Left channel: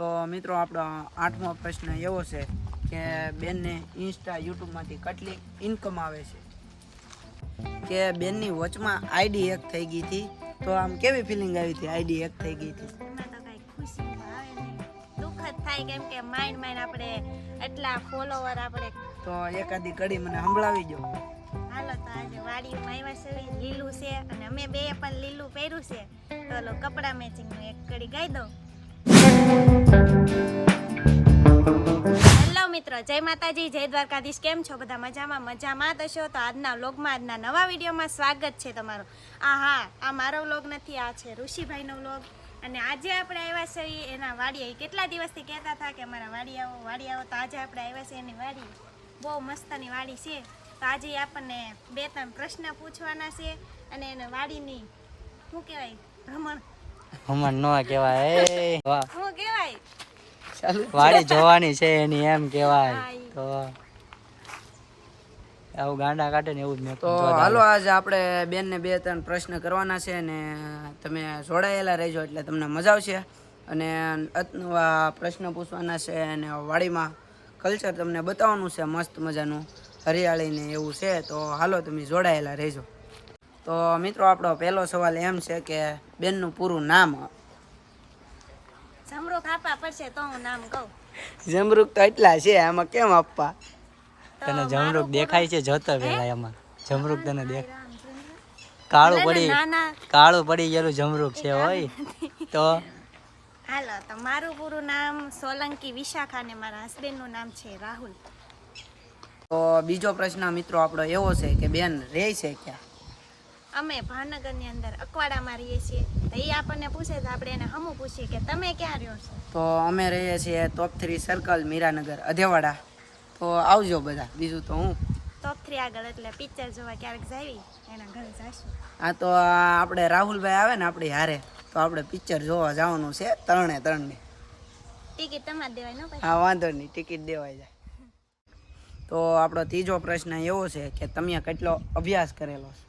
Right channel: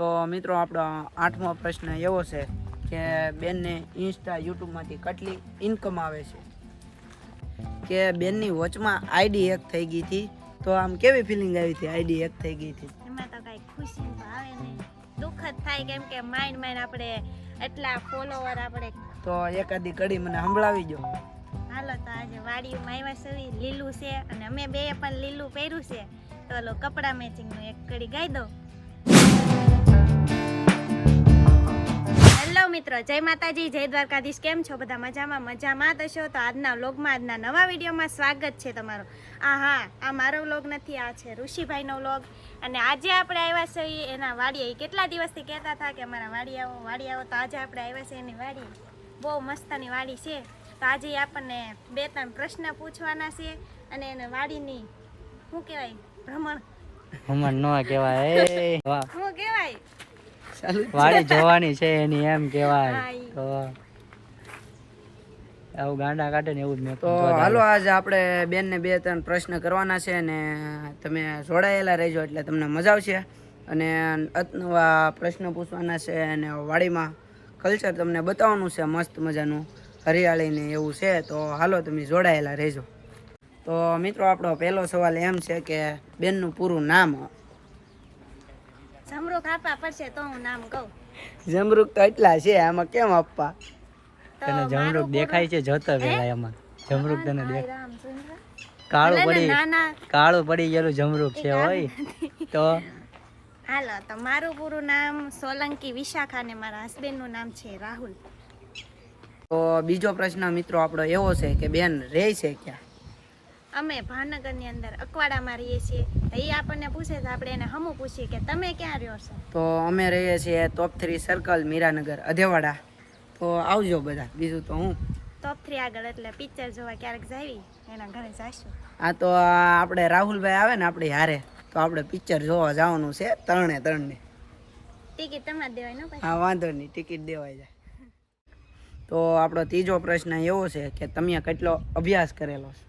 તો મિત્રો આપણો 8મો પ્રશ્ન એવો છે કે બેનને ઇન્સ્ટા યુટ્યુબમાંથી કેટલી ઇન્કમ આવે છે? કે બેનની વચમાં આઈડી હેક થઈ ગઈ હતી, તો આમ કેવી ફિલિંગ આવી હતી આઈડી હેક થઈ ગઈ હતી? એમાં તો કઈ ખુશી તો આવે નહીં, દુઃખ જ થાય, કેમ કે માઇન્ડ આપણે એટલા ફોલોવર આપણે. તો એકાદી કડી મને સંભળાવી દો. હાલો તો આજે વાડીમાં આવ્યા છે, લીલું છે અને અમે બે પણ લીલું પહેર્યું છે, તો ઓલો કપડા મેચિંગનું એક કડી ગાઈ દો. હેલો મિત્રો, જય માતાજી, જય દ્વારકાધીશ. કેમ છો બધા? મજામાં જ હશો. તો આજના વ્લોગમાં, આજના નવા વિડીયોમાં સ્વાગત છે તમારું. આ મારો વ્લોગ નથી, આ છે ઋષિભાઈનો વ્લોગ. અને આજે આપણે આવ્યા છીએ એના વાડીએ. કેટલા દિવસથી કહેતા હતા કે અમારા વાડી આવો, તો આજે આપણે આવ્યા છે એની વાડી. બહુ મસ્તની વાડી છે. તો આજે આપણને 2-3 પ્રશ્ન પૂછવાના છે અને એને વાડીની શું કહેવાય, ભ્રમણ ન કહેવાય, શું કહેવાય, વાડી જોવાની છે એની, એમ કહેવાય. હા, તો આવું ગાંડા કાઢે ને એવું જ. તો હાલો આજે આપણે બેનને 2-3 પ્રશ્ન કરવાના છે અને તમે જોડાયેલા રહેજો એટલે તમને મજા આવશે. અને નવા પ્રશ્ન પૂછવાના છે અને વાડીમાં કલ્ચર તમને બતાવવાનું છે, મસ્ત મજાનું હરિયાળીને એવું છે. તો હાલો તમે જોડાયેલા રહેજો. તો મિત્રો આપણો પહેલો સવાલ એમ છે કે બેનનું પૂરું નામ? જમરૂખ આપવા પડશે તો હું નામ કહું. જમરૂખ તો એટલા છે, આમાં કેમ આપવા? તને જમરૂખ દેખાય છે? જોતો પેલા એમાં જમરૂખ તને દેખાય? રામચંદ્ર કાળું પડી ગયેલું જમરૂખ છે હોય તો. હાલો તો મારું પૂરું નામ સોલંકી વિશાખા ને મારા હસબન્ડનું નામ છે રાહુલ. તો બીજો પ્રશ્ન મિત્રો આપણો એવો છે કે બેન રહે છે ક્યાં? અમે ભાવનગરની અંદર અકવાડામાં રહીએ છીએ. એ આપણને પૂછે તો આપણે એને હમું પૂછીએ કે તમે ક્યાં રહ્યો છો? તો અમે રહીએ છીએ ટોપ 3 સર્કલ, મીરાનગર, અધેવાડા. તો આવજો બધા. બીજું તો હું ટોપ 3 આગળ, એટલે પિક્ચર જોવા ક્યારેક જાવી એના ઘરે જઈશું. આ તો આપણે રાહુલભાઈ આવે ને આપણી હારે, તો આપણે પિક્ચર જોવા જવાનું છે 3 ની. ટિકિટ તમારે દેવાય ને પછી? હા વાંધો નહીં, ટિકિટ દેવાઈ જાય. તો આપણો ત્રીજો પ્રશ્ન એવો છે કે તમે કેટલો અભ્યાસ કરેલો છે?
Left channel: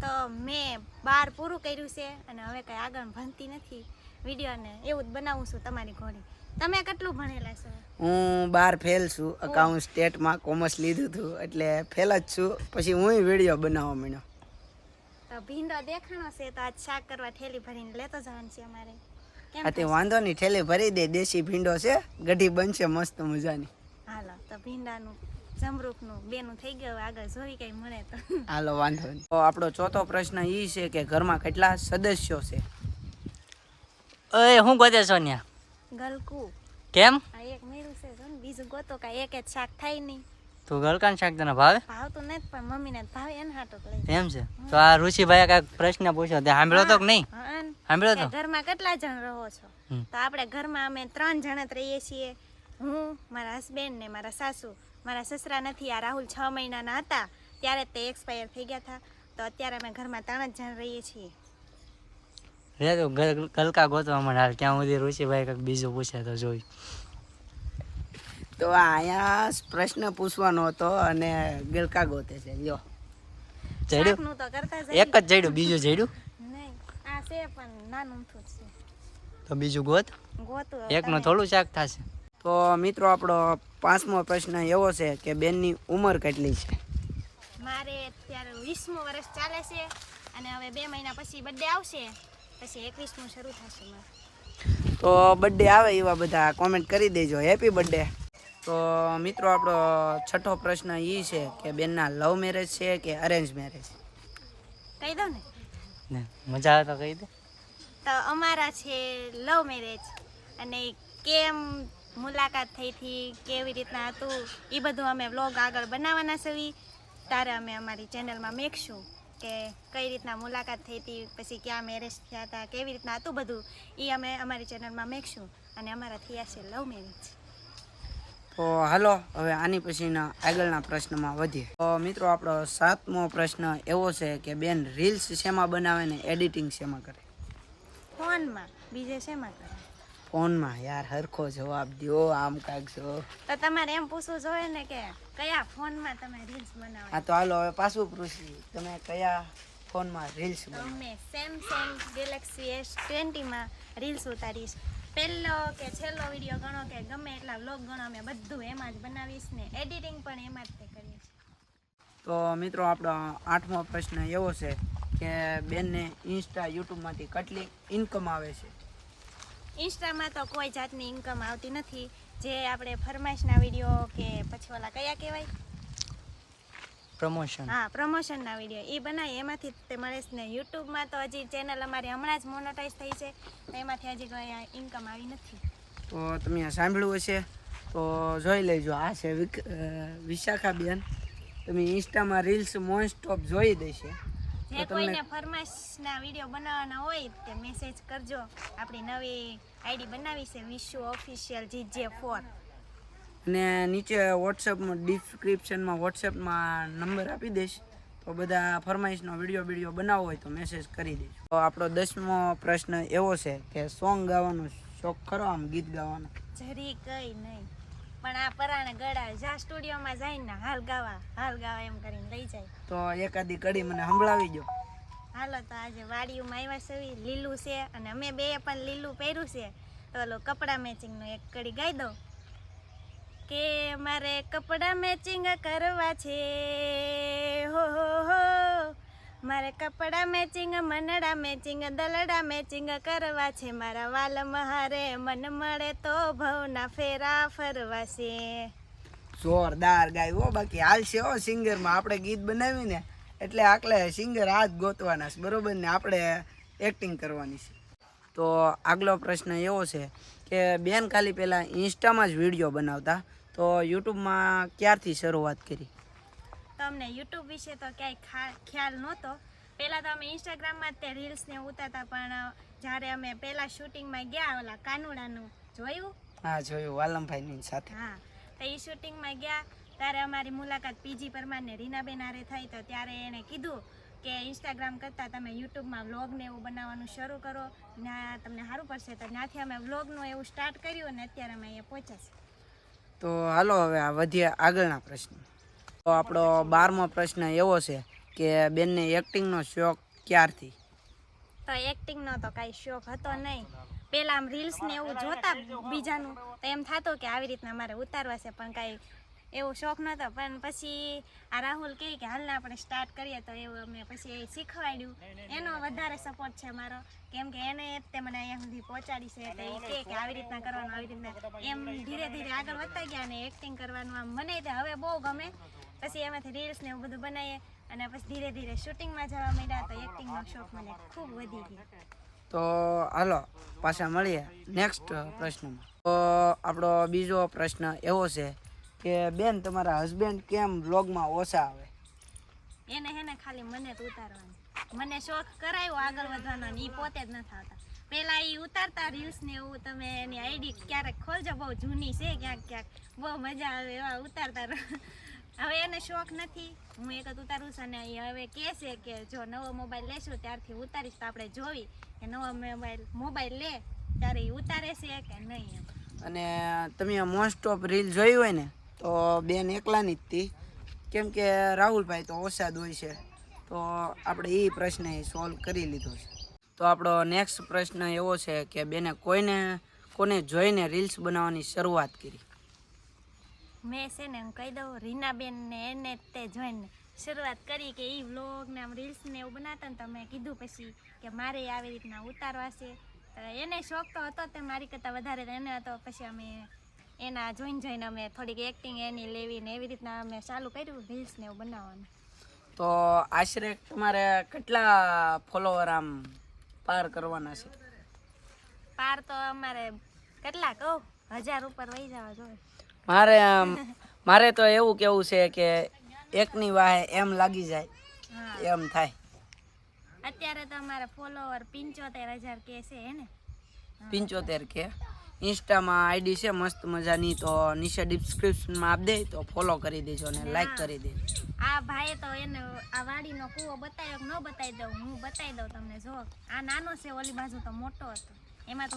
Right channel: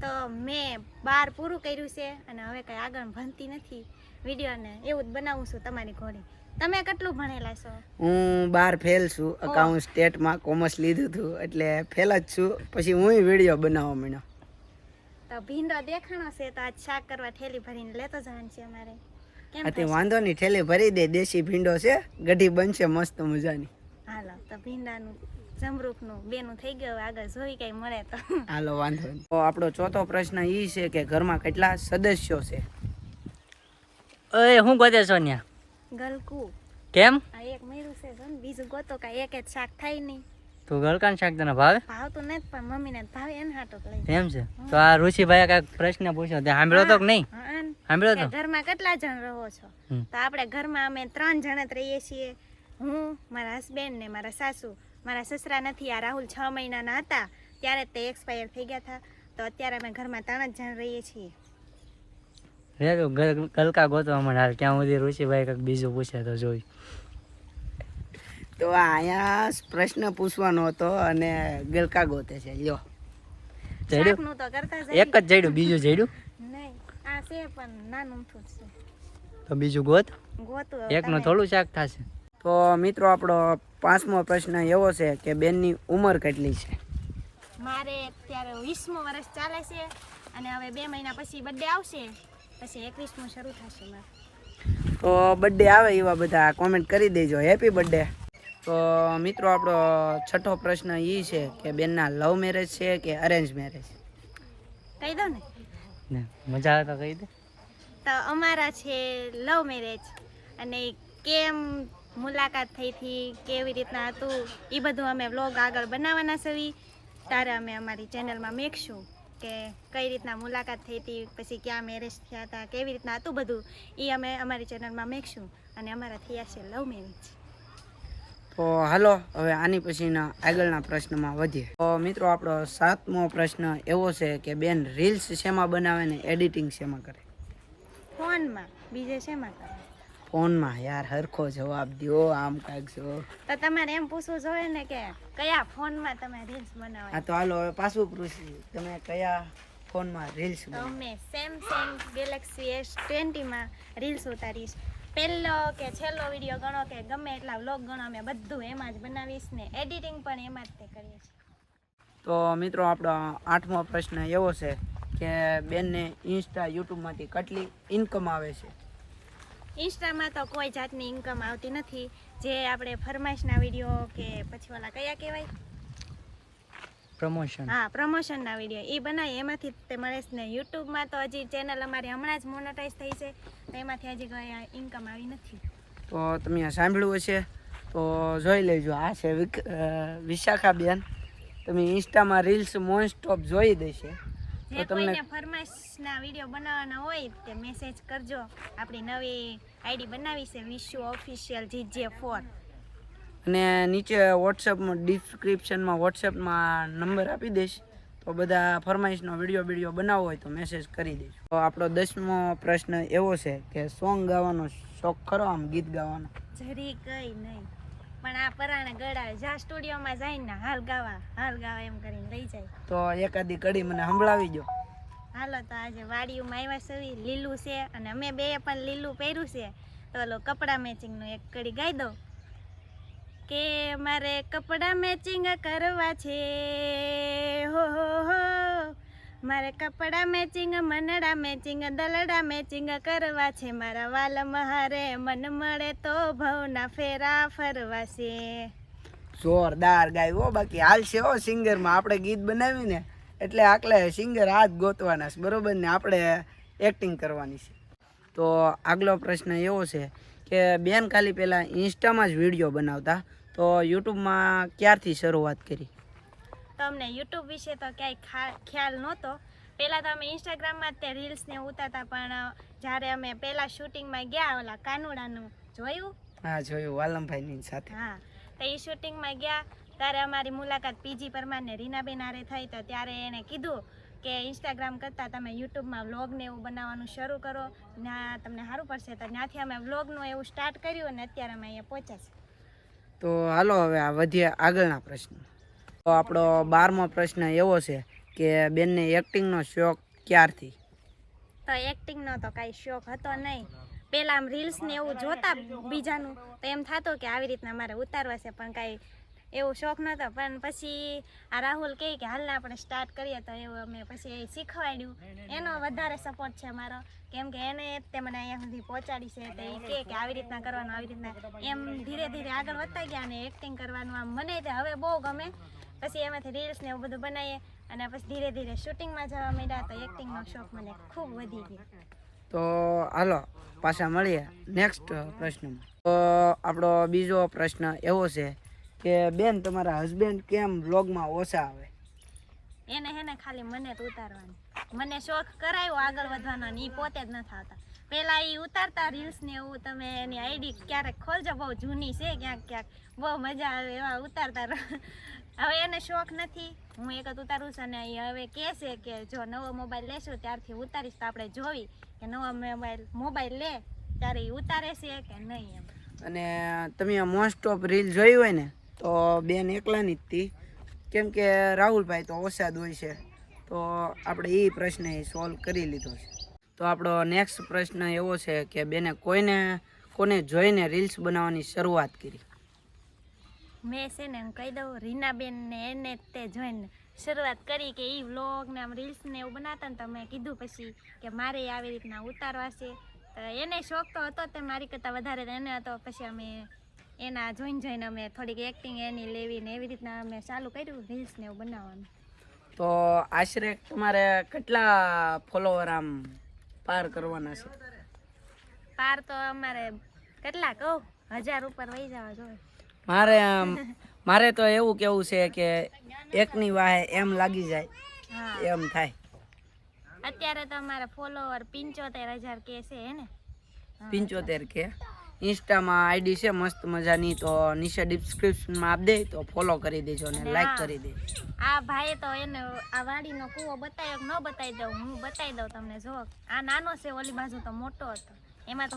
તો મેં 12 પૂરું કર્યું છે અને હવે કઈ આગળ ભણતી નથી. વિડીયોને એવું જ બનાવું છું તમારી ઘોડી. તમે કેટલું ભણેલા છો? હું 12 ફેલ છું. અકાઉન્ટ સ્ટેટમાં કોમર્સ લીધું હતું એટલે ફેલ જ છું. પછી હું વિડીયો બનાવવા માંડ્યો. તો ભીંડો દેખાણો છે તો આજ શાક કરવા થેલી ભરીને લેતો જવાનું છે અમારે. કેમ આથી વાંધો નહીં, થેલી ભરી દે. દેશી ભીંડો છે, ગઢી બનશે મસ્ત મજાની. હાલો તો ભીંડાનું જમરૂખનું બેનું થઈ ગયું, આગળ જોઈ કઈ મળે તો. હાલો વાંધો નહીં. તો આપણો ચોથો પ્રશ્ન એ છે કે ઘરમાં કેટલા સદસ્યો છે? ઓય હું ગોતે સોનિયા? ગલકુ. કેમ? આ એક મેરું છે જો ને, બીજું ગોતો કાંઈ એક જ શાક થાય નહીં. તું ગલકાન શાક તને ભાવે? ભાવતું નથી પણ મમ્મીને ભાવે એને હાટો લઈ. એમ છે? તો આ ઋષિભાઈ કાંઈક પ્રશ્ન પૂછ્યો, તે સાંભળ્યો તો કે નહીં? સાંભળ્યો તો? ઘરમાં કેટલા જણ રહો છો? તો આપણે ઘરમાં અમે 3 જણ જ રહીએ છીએ. હું, મારા હસબન્ડ ને મારા સાસુ. મારા સસરા નથી. આ રાહુલ 6 મહિનાના હતા ત્યારે તે એક્સપાયર થઈ ગયા હતા. તો અત્યારે અમે ઘરમાં 3 જ જણ રહીએ છીએ. રે તું ગલકા ગોતવા મને હાલ, ક્યાં સુધી ઋષિભાઈ કંઈક બીજું પૂછે તો જોઈ. તો અહીંયા પ્રશ્ન પૂછવાનો હતો અને ગલકા ગોતે છે. લ્યો જડ્યું? શાકનું તો કરતા જઈએ. એક જ જડ્યું, બીજું જડ્યું નહીં, આ છે પણ નાનું થું જ છે. તો બીજું ગોત. ગોતું એકનું થોડું શાક થશે. તો મિત્રો આપણો 5મો પ્રશ્ન એવો છે કે બેનની ઉંમર કેટલી છે? મારે અત્યારે 20મું વર્ષ ચાલે છે અને હવે 2 મહિના પછી બર્થડે આવશે, પછી 21મું શરૂ થશે મારે. તો બર્થડે આવે એવા બધા કોમેન્ટ કરી દેજો, હેપી બર્થડે. તો મિત્રો આપણો 6થો પ્રશ્ન એ છે કે બેનના લવ મેરેજ છે કે અરેન્જ મેરેજ? કહી દઉં ને? મજા આવે તો કહી દે. તો અમારા છે લવ મેરેજ. અને કેમ મુલાકાત થઈ હતી, કેવી રીતના હતું, એ બધું અમે વ્લોગ આગળ બનાવવાના છે. ત્યારે અમે અમારી ચેનલમાં મેકશું કે કઈ રીતના મુલાકાત થઈ હતી, પછી ક્યાં મેરેજ થયા હતા, કેવી રીતના હતું બધું, એ અમે અમારી ચેનલમાં મેકશું. અને અમારા થયા છે લવ મેરેજ. તો હાલો હવે આની પછીના આગળના પ્રશ્નમાં વધીએ. તો મિત્રો આપણો 7મો પ્રશ્ન એવો છે કે બેન રીલ્સ શેમાં બનાવે ને એડિટિંગ શેમાં કરે? ફોનમાં. બીજે શેમાં કરે? ફોનમાં. યાર હરખો જવાબ દો, આમ કાંઈક છો. તો તમારે એમ પૂછવું જોઈએ ને કે કયા ફોનમાં તમે રીલ્સ બનાવો? હા તો હાલો હવે પાછું પૂછીએ, તમે કયા ફોનમાં રીલ્સ તો બનાવો? અમે સેમસંગ ગેલેક્સી S20 માં રીલ્સ ઉતારીશ. પહેલો કે છેલ્લો વિડીયો ગણો કે ગમે એટલા વ્લોગ ગણો અમે બધું એમાં જ બનાવીશ ને એડિટિંગ પણ એમાં જ તે કરીએ છીએ. તો મિત્રો આપણો 8મો પ્રશ્ન એવો છે કે બેનને ઇન્સ્ટા યુટ્યુબમાંથી કેટલી ઇન્કમ આવે છે? ઇન્સ્ટામાં તો કોઈ જાતની ઇન્કમ આવતી નથી. જે આપણે ફરમાઈશના વિડીયો કે પછી ઓલા કયા કહેવાય, પ્રમોશન. હા પ્રમોશનના વિડીયો એ બનાવી એમાંથી જ તે મળે છે ને. યુટ્યુબમાં તો હજી ચેનલ અમારી હમણાં જ મોનોટાઈઝ થઈ છે તો એમાંથી હજી કોઈ ઇન્કમ આવી નથી. તો તમે આ સાંભળ્યું હશે તો જોઈ લેજો. આ છે વિશાખાબેન. તમે ઇન્સ્ટામાં રીલ્સ મોસ્ટ ઓફ જોઈ દેશે. જે કોઈને ફરમાઈશના વિડીયો બનાવવાના હોય તે મેસેજ કરજો. આપણી નવી આઈડી બનાવી છે વિશુ ઓફિશિયલ GJ4 અને નીચે વોટ્સઅપમાં ડિસ્ક્રિપ્શનમાં વોટ્સઅપમાં નંબર આપી દઈશ. તો બધા ફરમાઈશનો વિડીયો બનાવવો હોય તો મેસેજ કરી દેજો. તો આપણો 10મો પ્રશ્ન એવો છે કે સોંગ ગાવાનો શોખ ખરો? આમ ગીત ગાવાનો? જરી કઈ નહીં, પણ આ પરાણે ગળા જ્યાં સ્ટુડિયોમાં જઈને હાલ ગાવા એમ કરીને લઈ જાય. તો એકાદી કડી મને સંભળાવી દો. હાલો તો આજે વાડીઓમાં આવ્યા છે, લીલું છે અને અમે બે પણ લીલું પહેર્યું છે તો ઓલો કપડા મેચિંગનું એક કડી ગાઈ દો કે મારે કપડા મેચિંગ કરવા છે હો મારે કપડા મેચિંગ મનડા મેચિંગ દલડા મેચિંગ કરવા છે. મારા વાલ મહારે મન મળે તો ભવના ફેરા ફરવા છે. જોરદાર ગાયું. બાકી હાલશે હો સિંગરમાં. આપણે ગીત બનાવીને એટલે આકલે સિંગર હાથ ગોતવાના છે, બરોબર ને? આપણે એક્ટિંગ કરવાની છે. તો આગલો પ્રશ્ન એવો છે કે બેન ખાલી પહેલાં ઇન્સ્ટામાં જ વિડીયો બનાવતા, તો યુટ્યુબમાં ક્યારથી શરૂઆત કરી? તો અમને યુટ્યુબ વિશે તો ક્યાંય ખ્યાલ નહોતો. પહેલાં તો અમે ઇન્સ્ટાગ્રામમાં જ તે રીલ્સને ઉતારતા, પણ જ્યારે અમે પહેલાં શૂટિંગમાં ગયા ઓલા કાનુડાનું જોયું? હા જોયું, વાલમભાઈની સાથે. હા, તો એ શૂટિંગમાં ગયા ત્યારે અમારી મુલાકાત પીજી પરમાર ને રીનાબેન હારે થઈ. તો ત્યારે એણે કીધું કે ઇન્સ્ટાગ્રામ કરતાં તમે યુટ્યુબમાં વ્લોગને એવું બનાવવાનું શરૂ કરો, ત્યાં તમને સારું પડશે. તો ત્યાંથી અમે વ્લોગનું એવું સ્ટાર્ટ કર્યું અને અત્યારે અમે અહીંયા પહોંચ્યા છીએ. તો હાલો હવે આ વધીએ આગળના પ્રશ્ન. તો આપણો 12મો પ્રશ્ન એવો છે કે બેનને એક્ટિંગનો શોખ ક્યારથી? તો એક્ટિંગનો તો કાંઈ શોખ હતો નહીં. પહેલાં આમ રીલ્સ ને એવું જોતા બીજાનું તો એમ થતું કે આવી રીતના મારે ઉતારવા છે, પણ કાંઈ એવો શોખ નહોતો. પણ પછી આ રાહુલ કહે કે હાલને આપણે સ્ટાર્ટ કરીએ, તો એવું અમે પછી શીખવાડ્યું. એનો વધારે સપોર્ટ છે મારો, કેમ કે એને તે મને અહીંયા સુધી પહોંચાડી છે. તો એ કહે કે આવી રીતના કરવાનું, આવી રીતના, એમ ધીરે ધીરે આગળ વધતા ગયા અને એક્ટિંગ કરવાનું આમ મને તે હવે બહુ ગમે. પછી એમાંથી રીલ્સ ને એવું બધું બનાવીએ અને પછી ધીરે ધીરે શૂટિંગમાં જવા માંડ્યા તો એક્ટિંગનો શોખ મને ખૂબ વધી ગયો. તો હાલો પાછા મળીએ નેક્સ્ટ પ્રશ્નમાં. તો આપણો બીજો પ્રશ્ન એવો છે કે બેન તમારા હસબન્ડ કેમ વ્લોગમાં ઓછા આવે? એને હેને ખાલી મને જ ઉતારવાની. મને શોખ કરાયો આગળ વધવાનો ને એ પોતે જ નથી આવતા. પહેલાં એ ઉતારતા રીલ્સ ને એવું, તમે એની આઈડી ક્યારેક ખોલજો, બહુ જૂની છે, ક્યાંક બહુ મજા આવે એવા ઉતારતા. હવે એને શોખ નથી, હું એક જ ઉતારું છું અને એ હવે કહે છે કે જો નવો મોબાઈલ લેશું ત્યારથી ઉતારીશ તો આપણે જોવી કે નવો મોબાઈલ લે ત્યારે એ ઉતારે છે કે નહીં એમ. અને તમે મોસ્ટ ઓફ રીલ જોઈ હોય ને તો બેન એકલાની જ હતી, કેમ કે રાહુલભાઈ તો ઓછા જ હોય છે. તો આપણે એ પ્રશ્ન સોલ્વ કરી લીધો છે. તો આપણો નેક્સ્ટ પ્રશ્ન એવો છે કે બેને કોને જોઈને રીલ્સ બનાવવાની શરૂઆત કરી? મેં છે ને હું કહી દઉં, રીનાબેન ને એને તે જોઈને શરૂઆત કરી કે એ વ્લોગ ને આમ રીલ્સ ને એવું બનાવતા ને તો મેં કીધું પછી કે મારે આવી રીતના ઉતારવા છે. તો એને શોખ તો હતો તે મારી કરતાં વધારે એને હતો. પછી અમે એના જોઈને અમે થોડીક એક્ટિંગ એની લેવી ને એવી રીતના અમે ચાલુ કર્યું રીલ્સ ને એવું બનાવવાનું. તો આશરે તમારે કેટલા ફોલોવર આમ પાર કરવાના છે? પાર તો અમારે કેટલા કહું 1000 ઉપર વહી જવા જોઈએ. મારે તો એવું કેવું છે કે એકની વાહે એમ લાગી જાય એમ થાય. અત્યારે તો અમારા ફોલોવર 75,000 કે છે હે ને? 75 કે. ઇન્સ્ટામાં આઈડી છે મસ્ત મજાની, તો નીચે ડિસ્ક્રિપ્શનમાં આપ દે તો ફોલો કરી દેજો અને લાઈક કરી દેજો. આ ભાઈએ તો એને આ વાડીનો કૂવો બતાવ્યો કે ન બતાવી દઉં? હું બતાવી દઉં તમને. જો આ નાનો છે, ઓલી બાજુ તો મોટો હતો. એમાં તો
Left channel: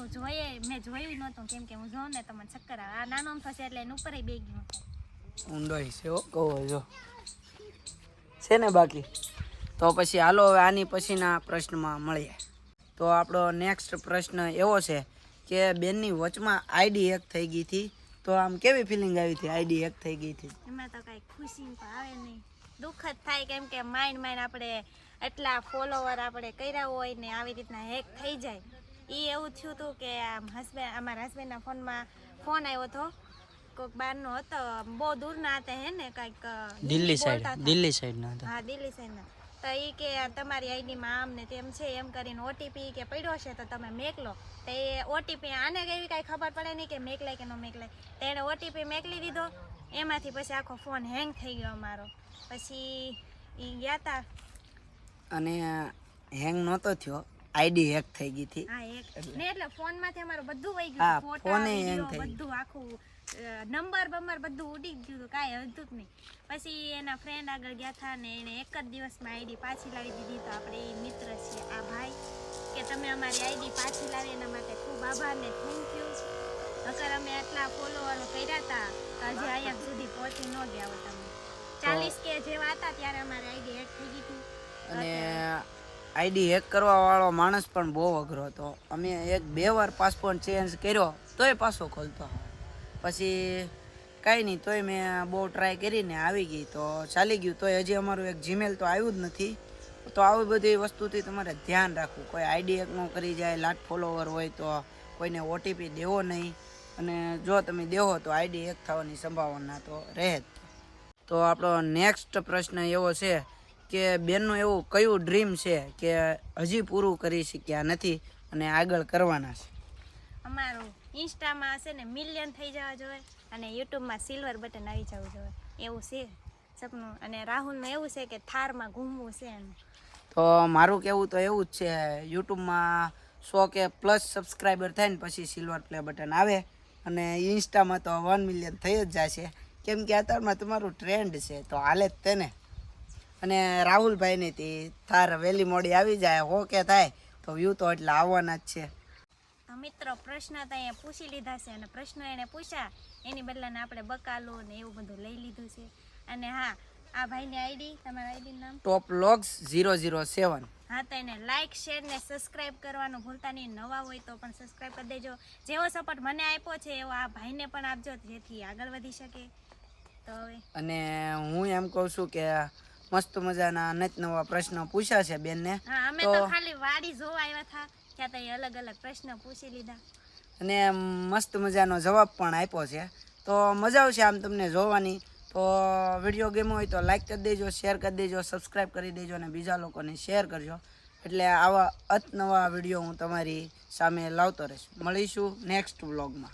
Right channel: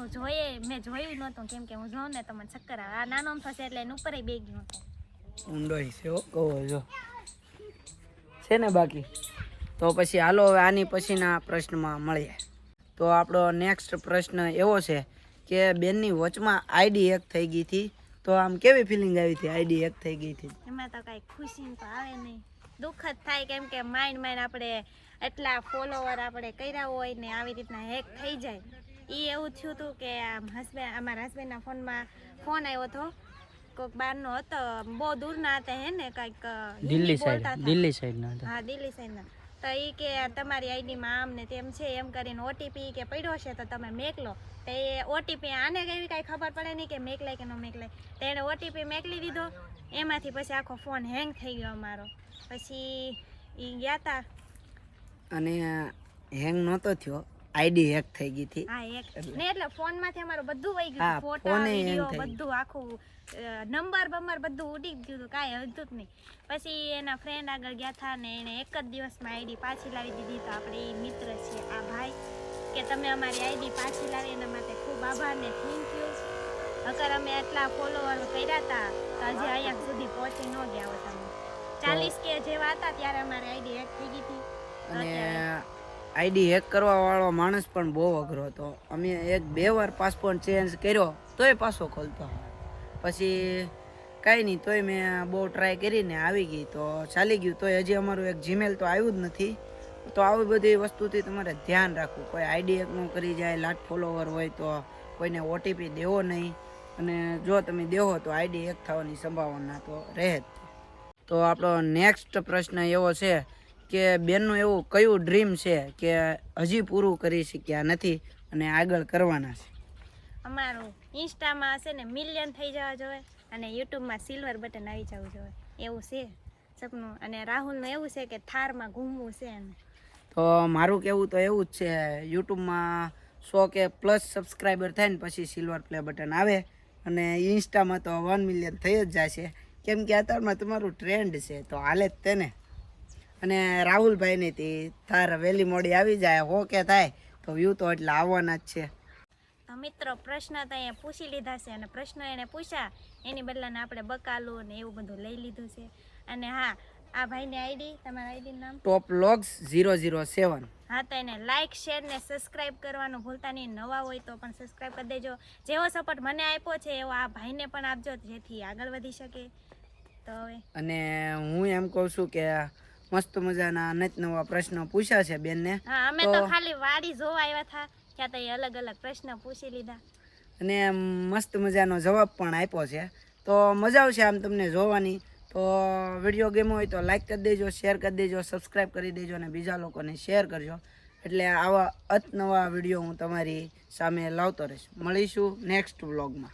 મેં જોયું નહોતું, કેમ કે હું જોઉં ને તો મને ચક્કર આવે. આ નાનો થશે એટલે એને ઉપર બે ગયો હતો. ઊંડો છે હો, કહો જો છે ને. બાકી તો પછી હાલો હવે આની પછીના પ્રશ્નમાં મળીએ. તો આપણો નેક્સ્ટ પ્રશ્ન એવો છે કે બેનની વચમાં આઈડી હેક થઈ ગઈ હતી, તો આમ કેવી ફિલિંગ આવી હતી આઈડી હેક થઈ ગઈ હતી? એમાં તો કાંઈ ખુશી તો આવે નહીં, દુઃખ જ થાય, કેમ કે માઇન્ડ આપણે એટલા ફોલોવર આપણે કર્યા હોય ને આવી રીતના હેક થઈ જાય. એ એવું થયું હતું કે અમારા હસબન્ડના ફોનમાં ફોન આવ્યો હતો, કોઈક બહારનો હતો, બહુ દૂરના હતા હે ને, કાંઈક દિલ્હી સાઈડ ના હતા. હા, દિલ્હી સાઈડના. તો એ કે તમારી આઈડીમાં આમ ને તેમ છે એમ કરીને ઓટીપી કે પડ્યો છે તો તમે મેકલો. તો એ ઓટીપી આને એવી કાંઈ ખબર પડે નહીં કે મેકલાય કે ન મેકલાય. તો એણે ઓટીપી મેકલી દીધો, એમાંથી પછી આખો ફોન હેંગ થઈ ગયો અમારો. પછી એ ગયા હતા અને હેંગ નહોતો થયો, આઈડી હેક થઈ ગઈ હતી. હા, ને એટલે ફોનમાંથી અમારું બધું વહી હા, ગયું, ફોટા ફોને hang વિડીયો થઈ બધું આખું નંબર બધું ઉડી ગયું હતું, કાંઈ હતું જ નહીં. પછી એના ફ્રેન્ડ આગળ ગયા હતા ને એણે એક જ દિવસમાં આઈડી પાછી લાવી દીધી. તો આપણે એ મિત્ર છે આ ભાઈ, કે તમે અમારી આઈડી પાછી લાવી એના માટે ખૂબ આભાર ને થેન્ક યુ. અગર અમે આટલા ફોલોવર કર્યા હતા તો હજી અહીંયા સુધી પહોંચી ન ગયા હોત. અમે 40K જેવા હતા ત્યારે અમારી આઈડી હેક થઈ ગઈ હતી. અને આઈડી હેક કરવા વાળો માણસ પણ બહુ અઘરો હતો. અમે 1-2 વાર પાસપોર્ટ ચેન્જ કર્યો તોય પાછો ખોલતો. પછી કાંઈ નહીં, તોય મેં બહુ ટ્રાય કરીને આવી ગઈ તો ચાલી ગયું. તોય હજી અમારું એક જીમેલ તો આવ્યું જ નથી. તો આવી બધી વસ્તુથી તમારે ધ્યાન રાખવું. કોઈ આઈડી હેક ન કરી જાય, લાખ ફોલોવર હોય તો કોઈને ઓટીપી દેવો નહીં. અને જો તમે દેવો તો આઈડી હેક થવાની સંભાવના તો રહે જ. તો આપણો નેક્સ્ટ પ્રશ્ન એવો છે કે બેનનું એવું કયું ડ્રીમ છે કે હજી પૂરું કરી શક્યા નથી અને આગળ કરવાના છે? અમારું ઇન્સ્ટામાં છે ને મિલિયન થઈ જવા જોઈએ અને યુટ્યુબમાં સિલ્વર બટન આવી જવું જોઈએ, એવું છે સપનું. અને રાહુલનું એવું છે કે થારમાં ઘૂમવું છે એને. તો મારું કહેવું તો એવું જ છે, યુટ્યુબમાં 100K પ્લસ સબસ્ક્રાઈબર થાય ને પછી સિલ્વર પ્લે બટન આવે. અને ઇન્સ્ટામાં તો 1 મિલિયન થઈ જ જશે, કેમ કે અત્યારમાં તમારું ટ્રેન્ડ છે તો હાલે જ તેને. અને રાહુલભાઈની તે થાર વહેલી મોડી આવી જાય, 100K થાય તો વ્યૂ તો એટલે આવવાના જ છે. તો મિત્રો પ્રશ્ન તો અહીંયા પૂછી લીધા છે અને પ્રશ્ન એને પૂછ્યા એની બદલાને આપણે બકાલું ને એવું બધું લઈ લીધું છે. અને હા, આ ભાઈની આઈડી, તમારા આઈડીનું નામ Toplogs 007. હા, તો એને લાઇક શેર ને સબસ્ક્રાઈબ કરવાનું ભૂલતા નહીં. નવા હોય તો પણ સબસ્ક્રાઈબ કરી દેજો. જેવો સપોર્ટ મને આપ્યો છે એવો આ ભાઈને પણ આપજો, જેથી આગળ વધી શકે. તો હવે અને હું એમ કહું છું કે મસ્ત મજાના અનેક નવા પ્રશ્નો પૂછ્યા છે બેનને. હા, અમે તો ખાલી વાડી જોવા આવ્યા હતા, ત્યાં તો એ અલગ અલગ પ્રશ્ન પૂછી લીધા અને મસ્ત મજાનો જવાબ પણ આપ્યો છે. તો મજા આવશે આમ તમને જોવાની. તો વિડીયો ગેમ હોય તો લાઈક કરી દેજો, શેર કરી દેજો, સબસ્ક્રાઈબ કરી દેજો અને બીજા લોકોને શેર કરજો. એટલે આવા નવા વિડીયો હું તમારી સામે લાવતો રહીશ. મળીશું નેક્સ્ટ વ્લોગમાં.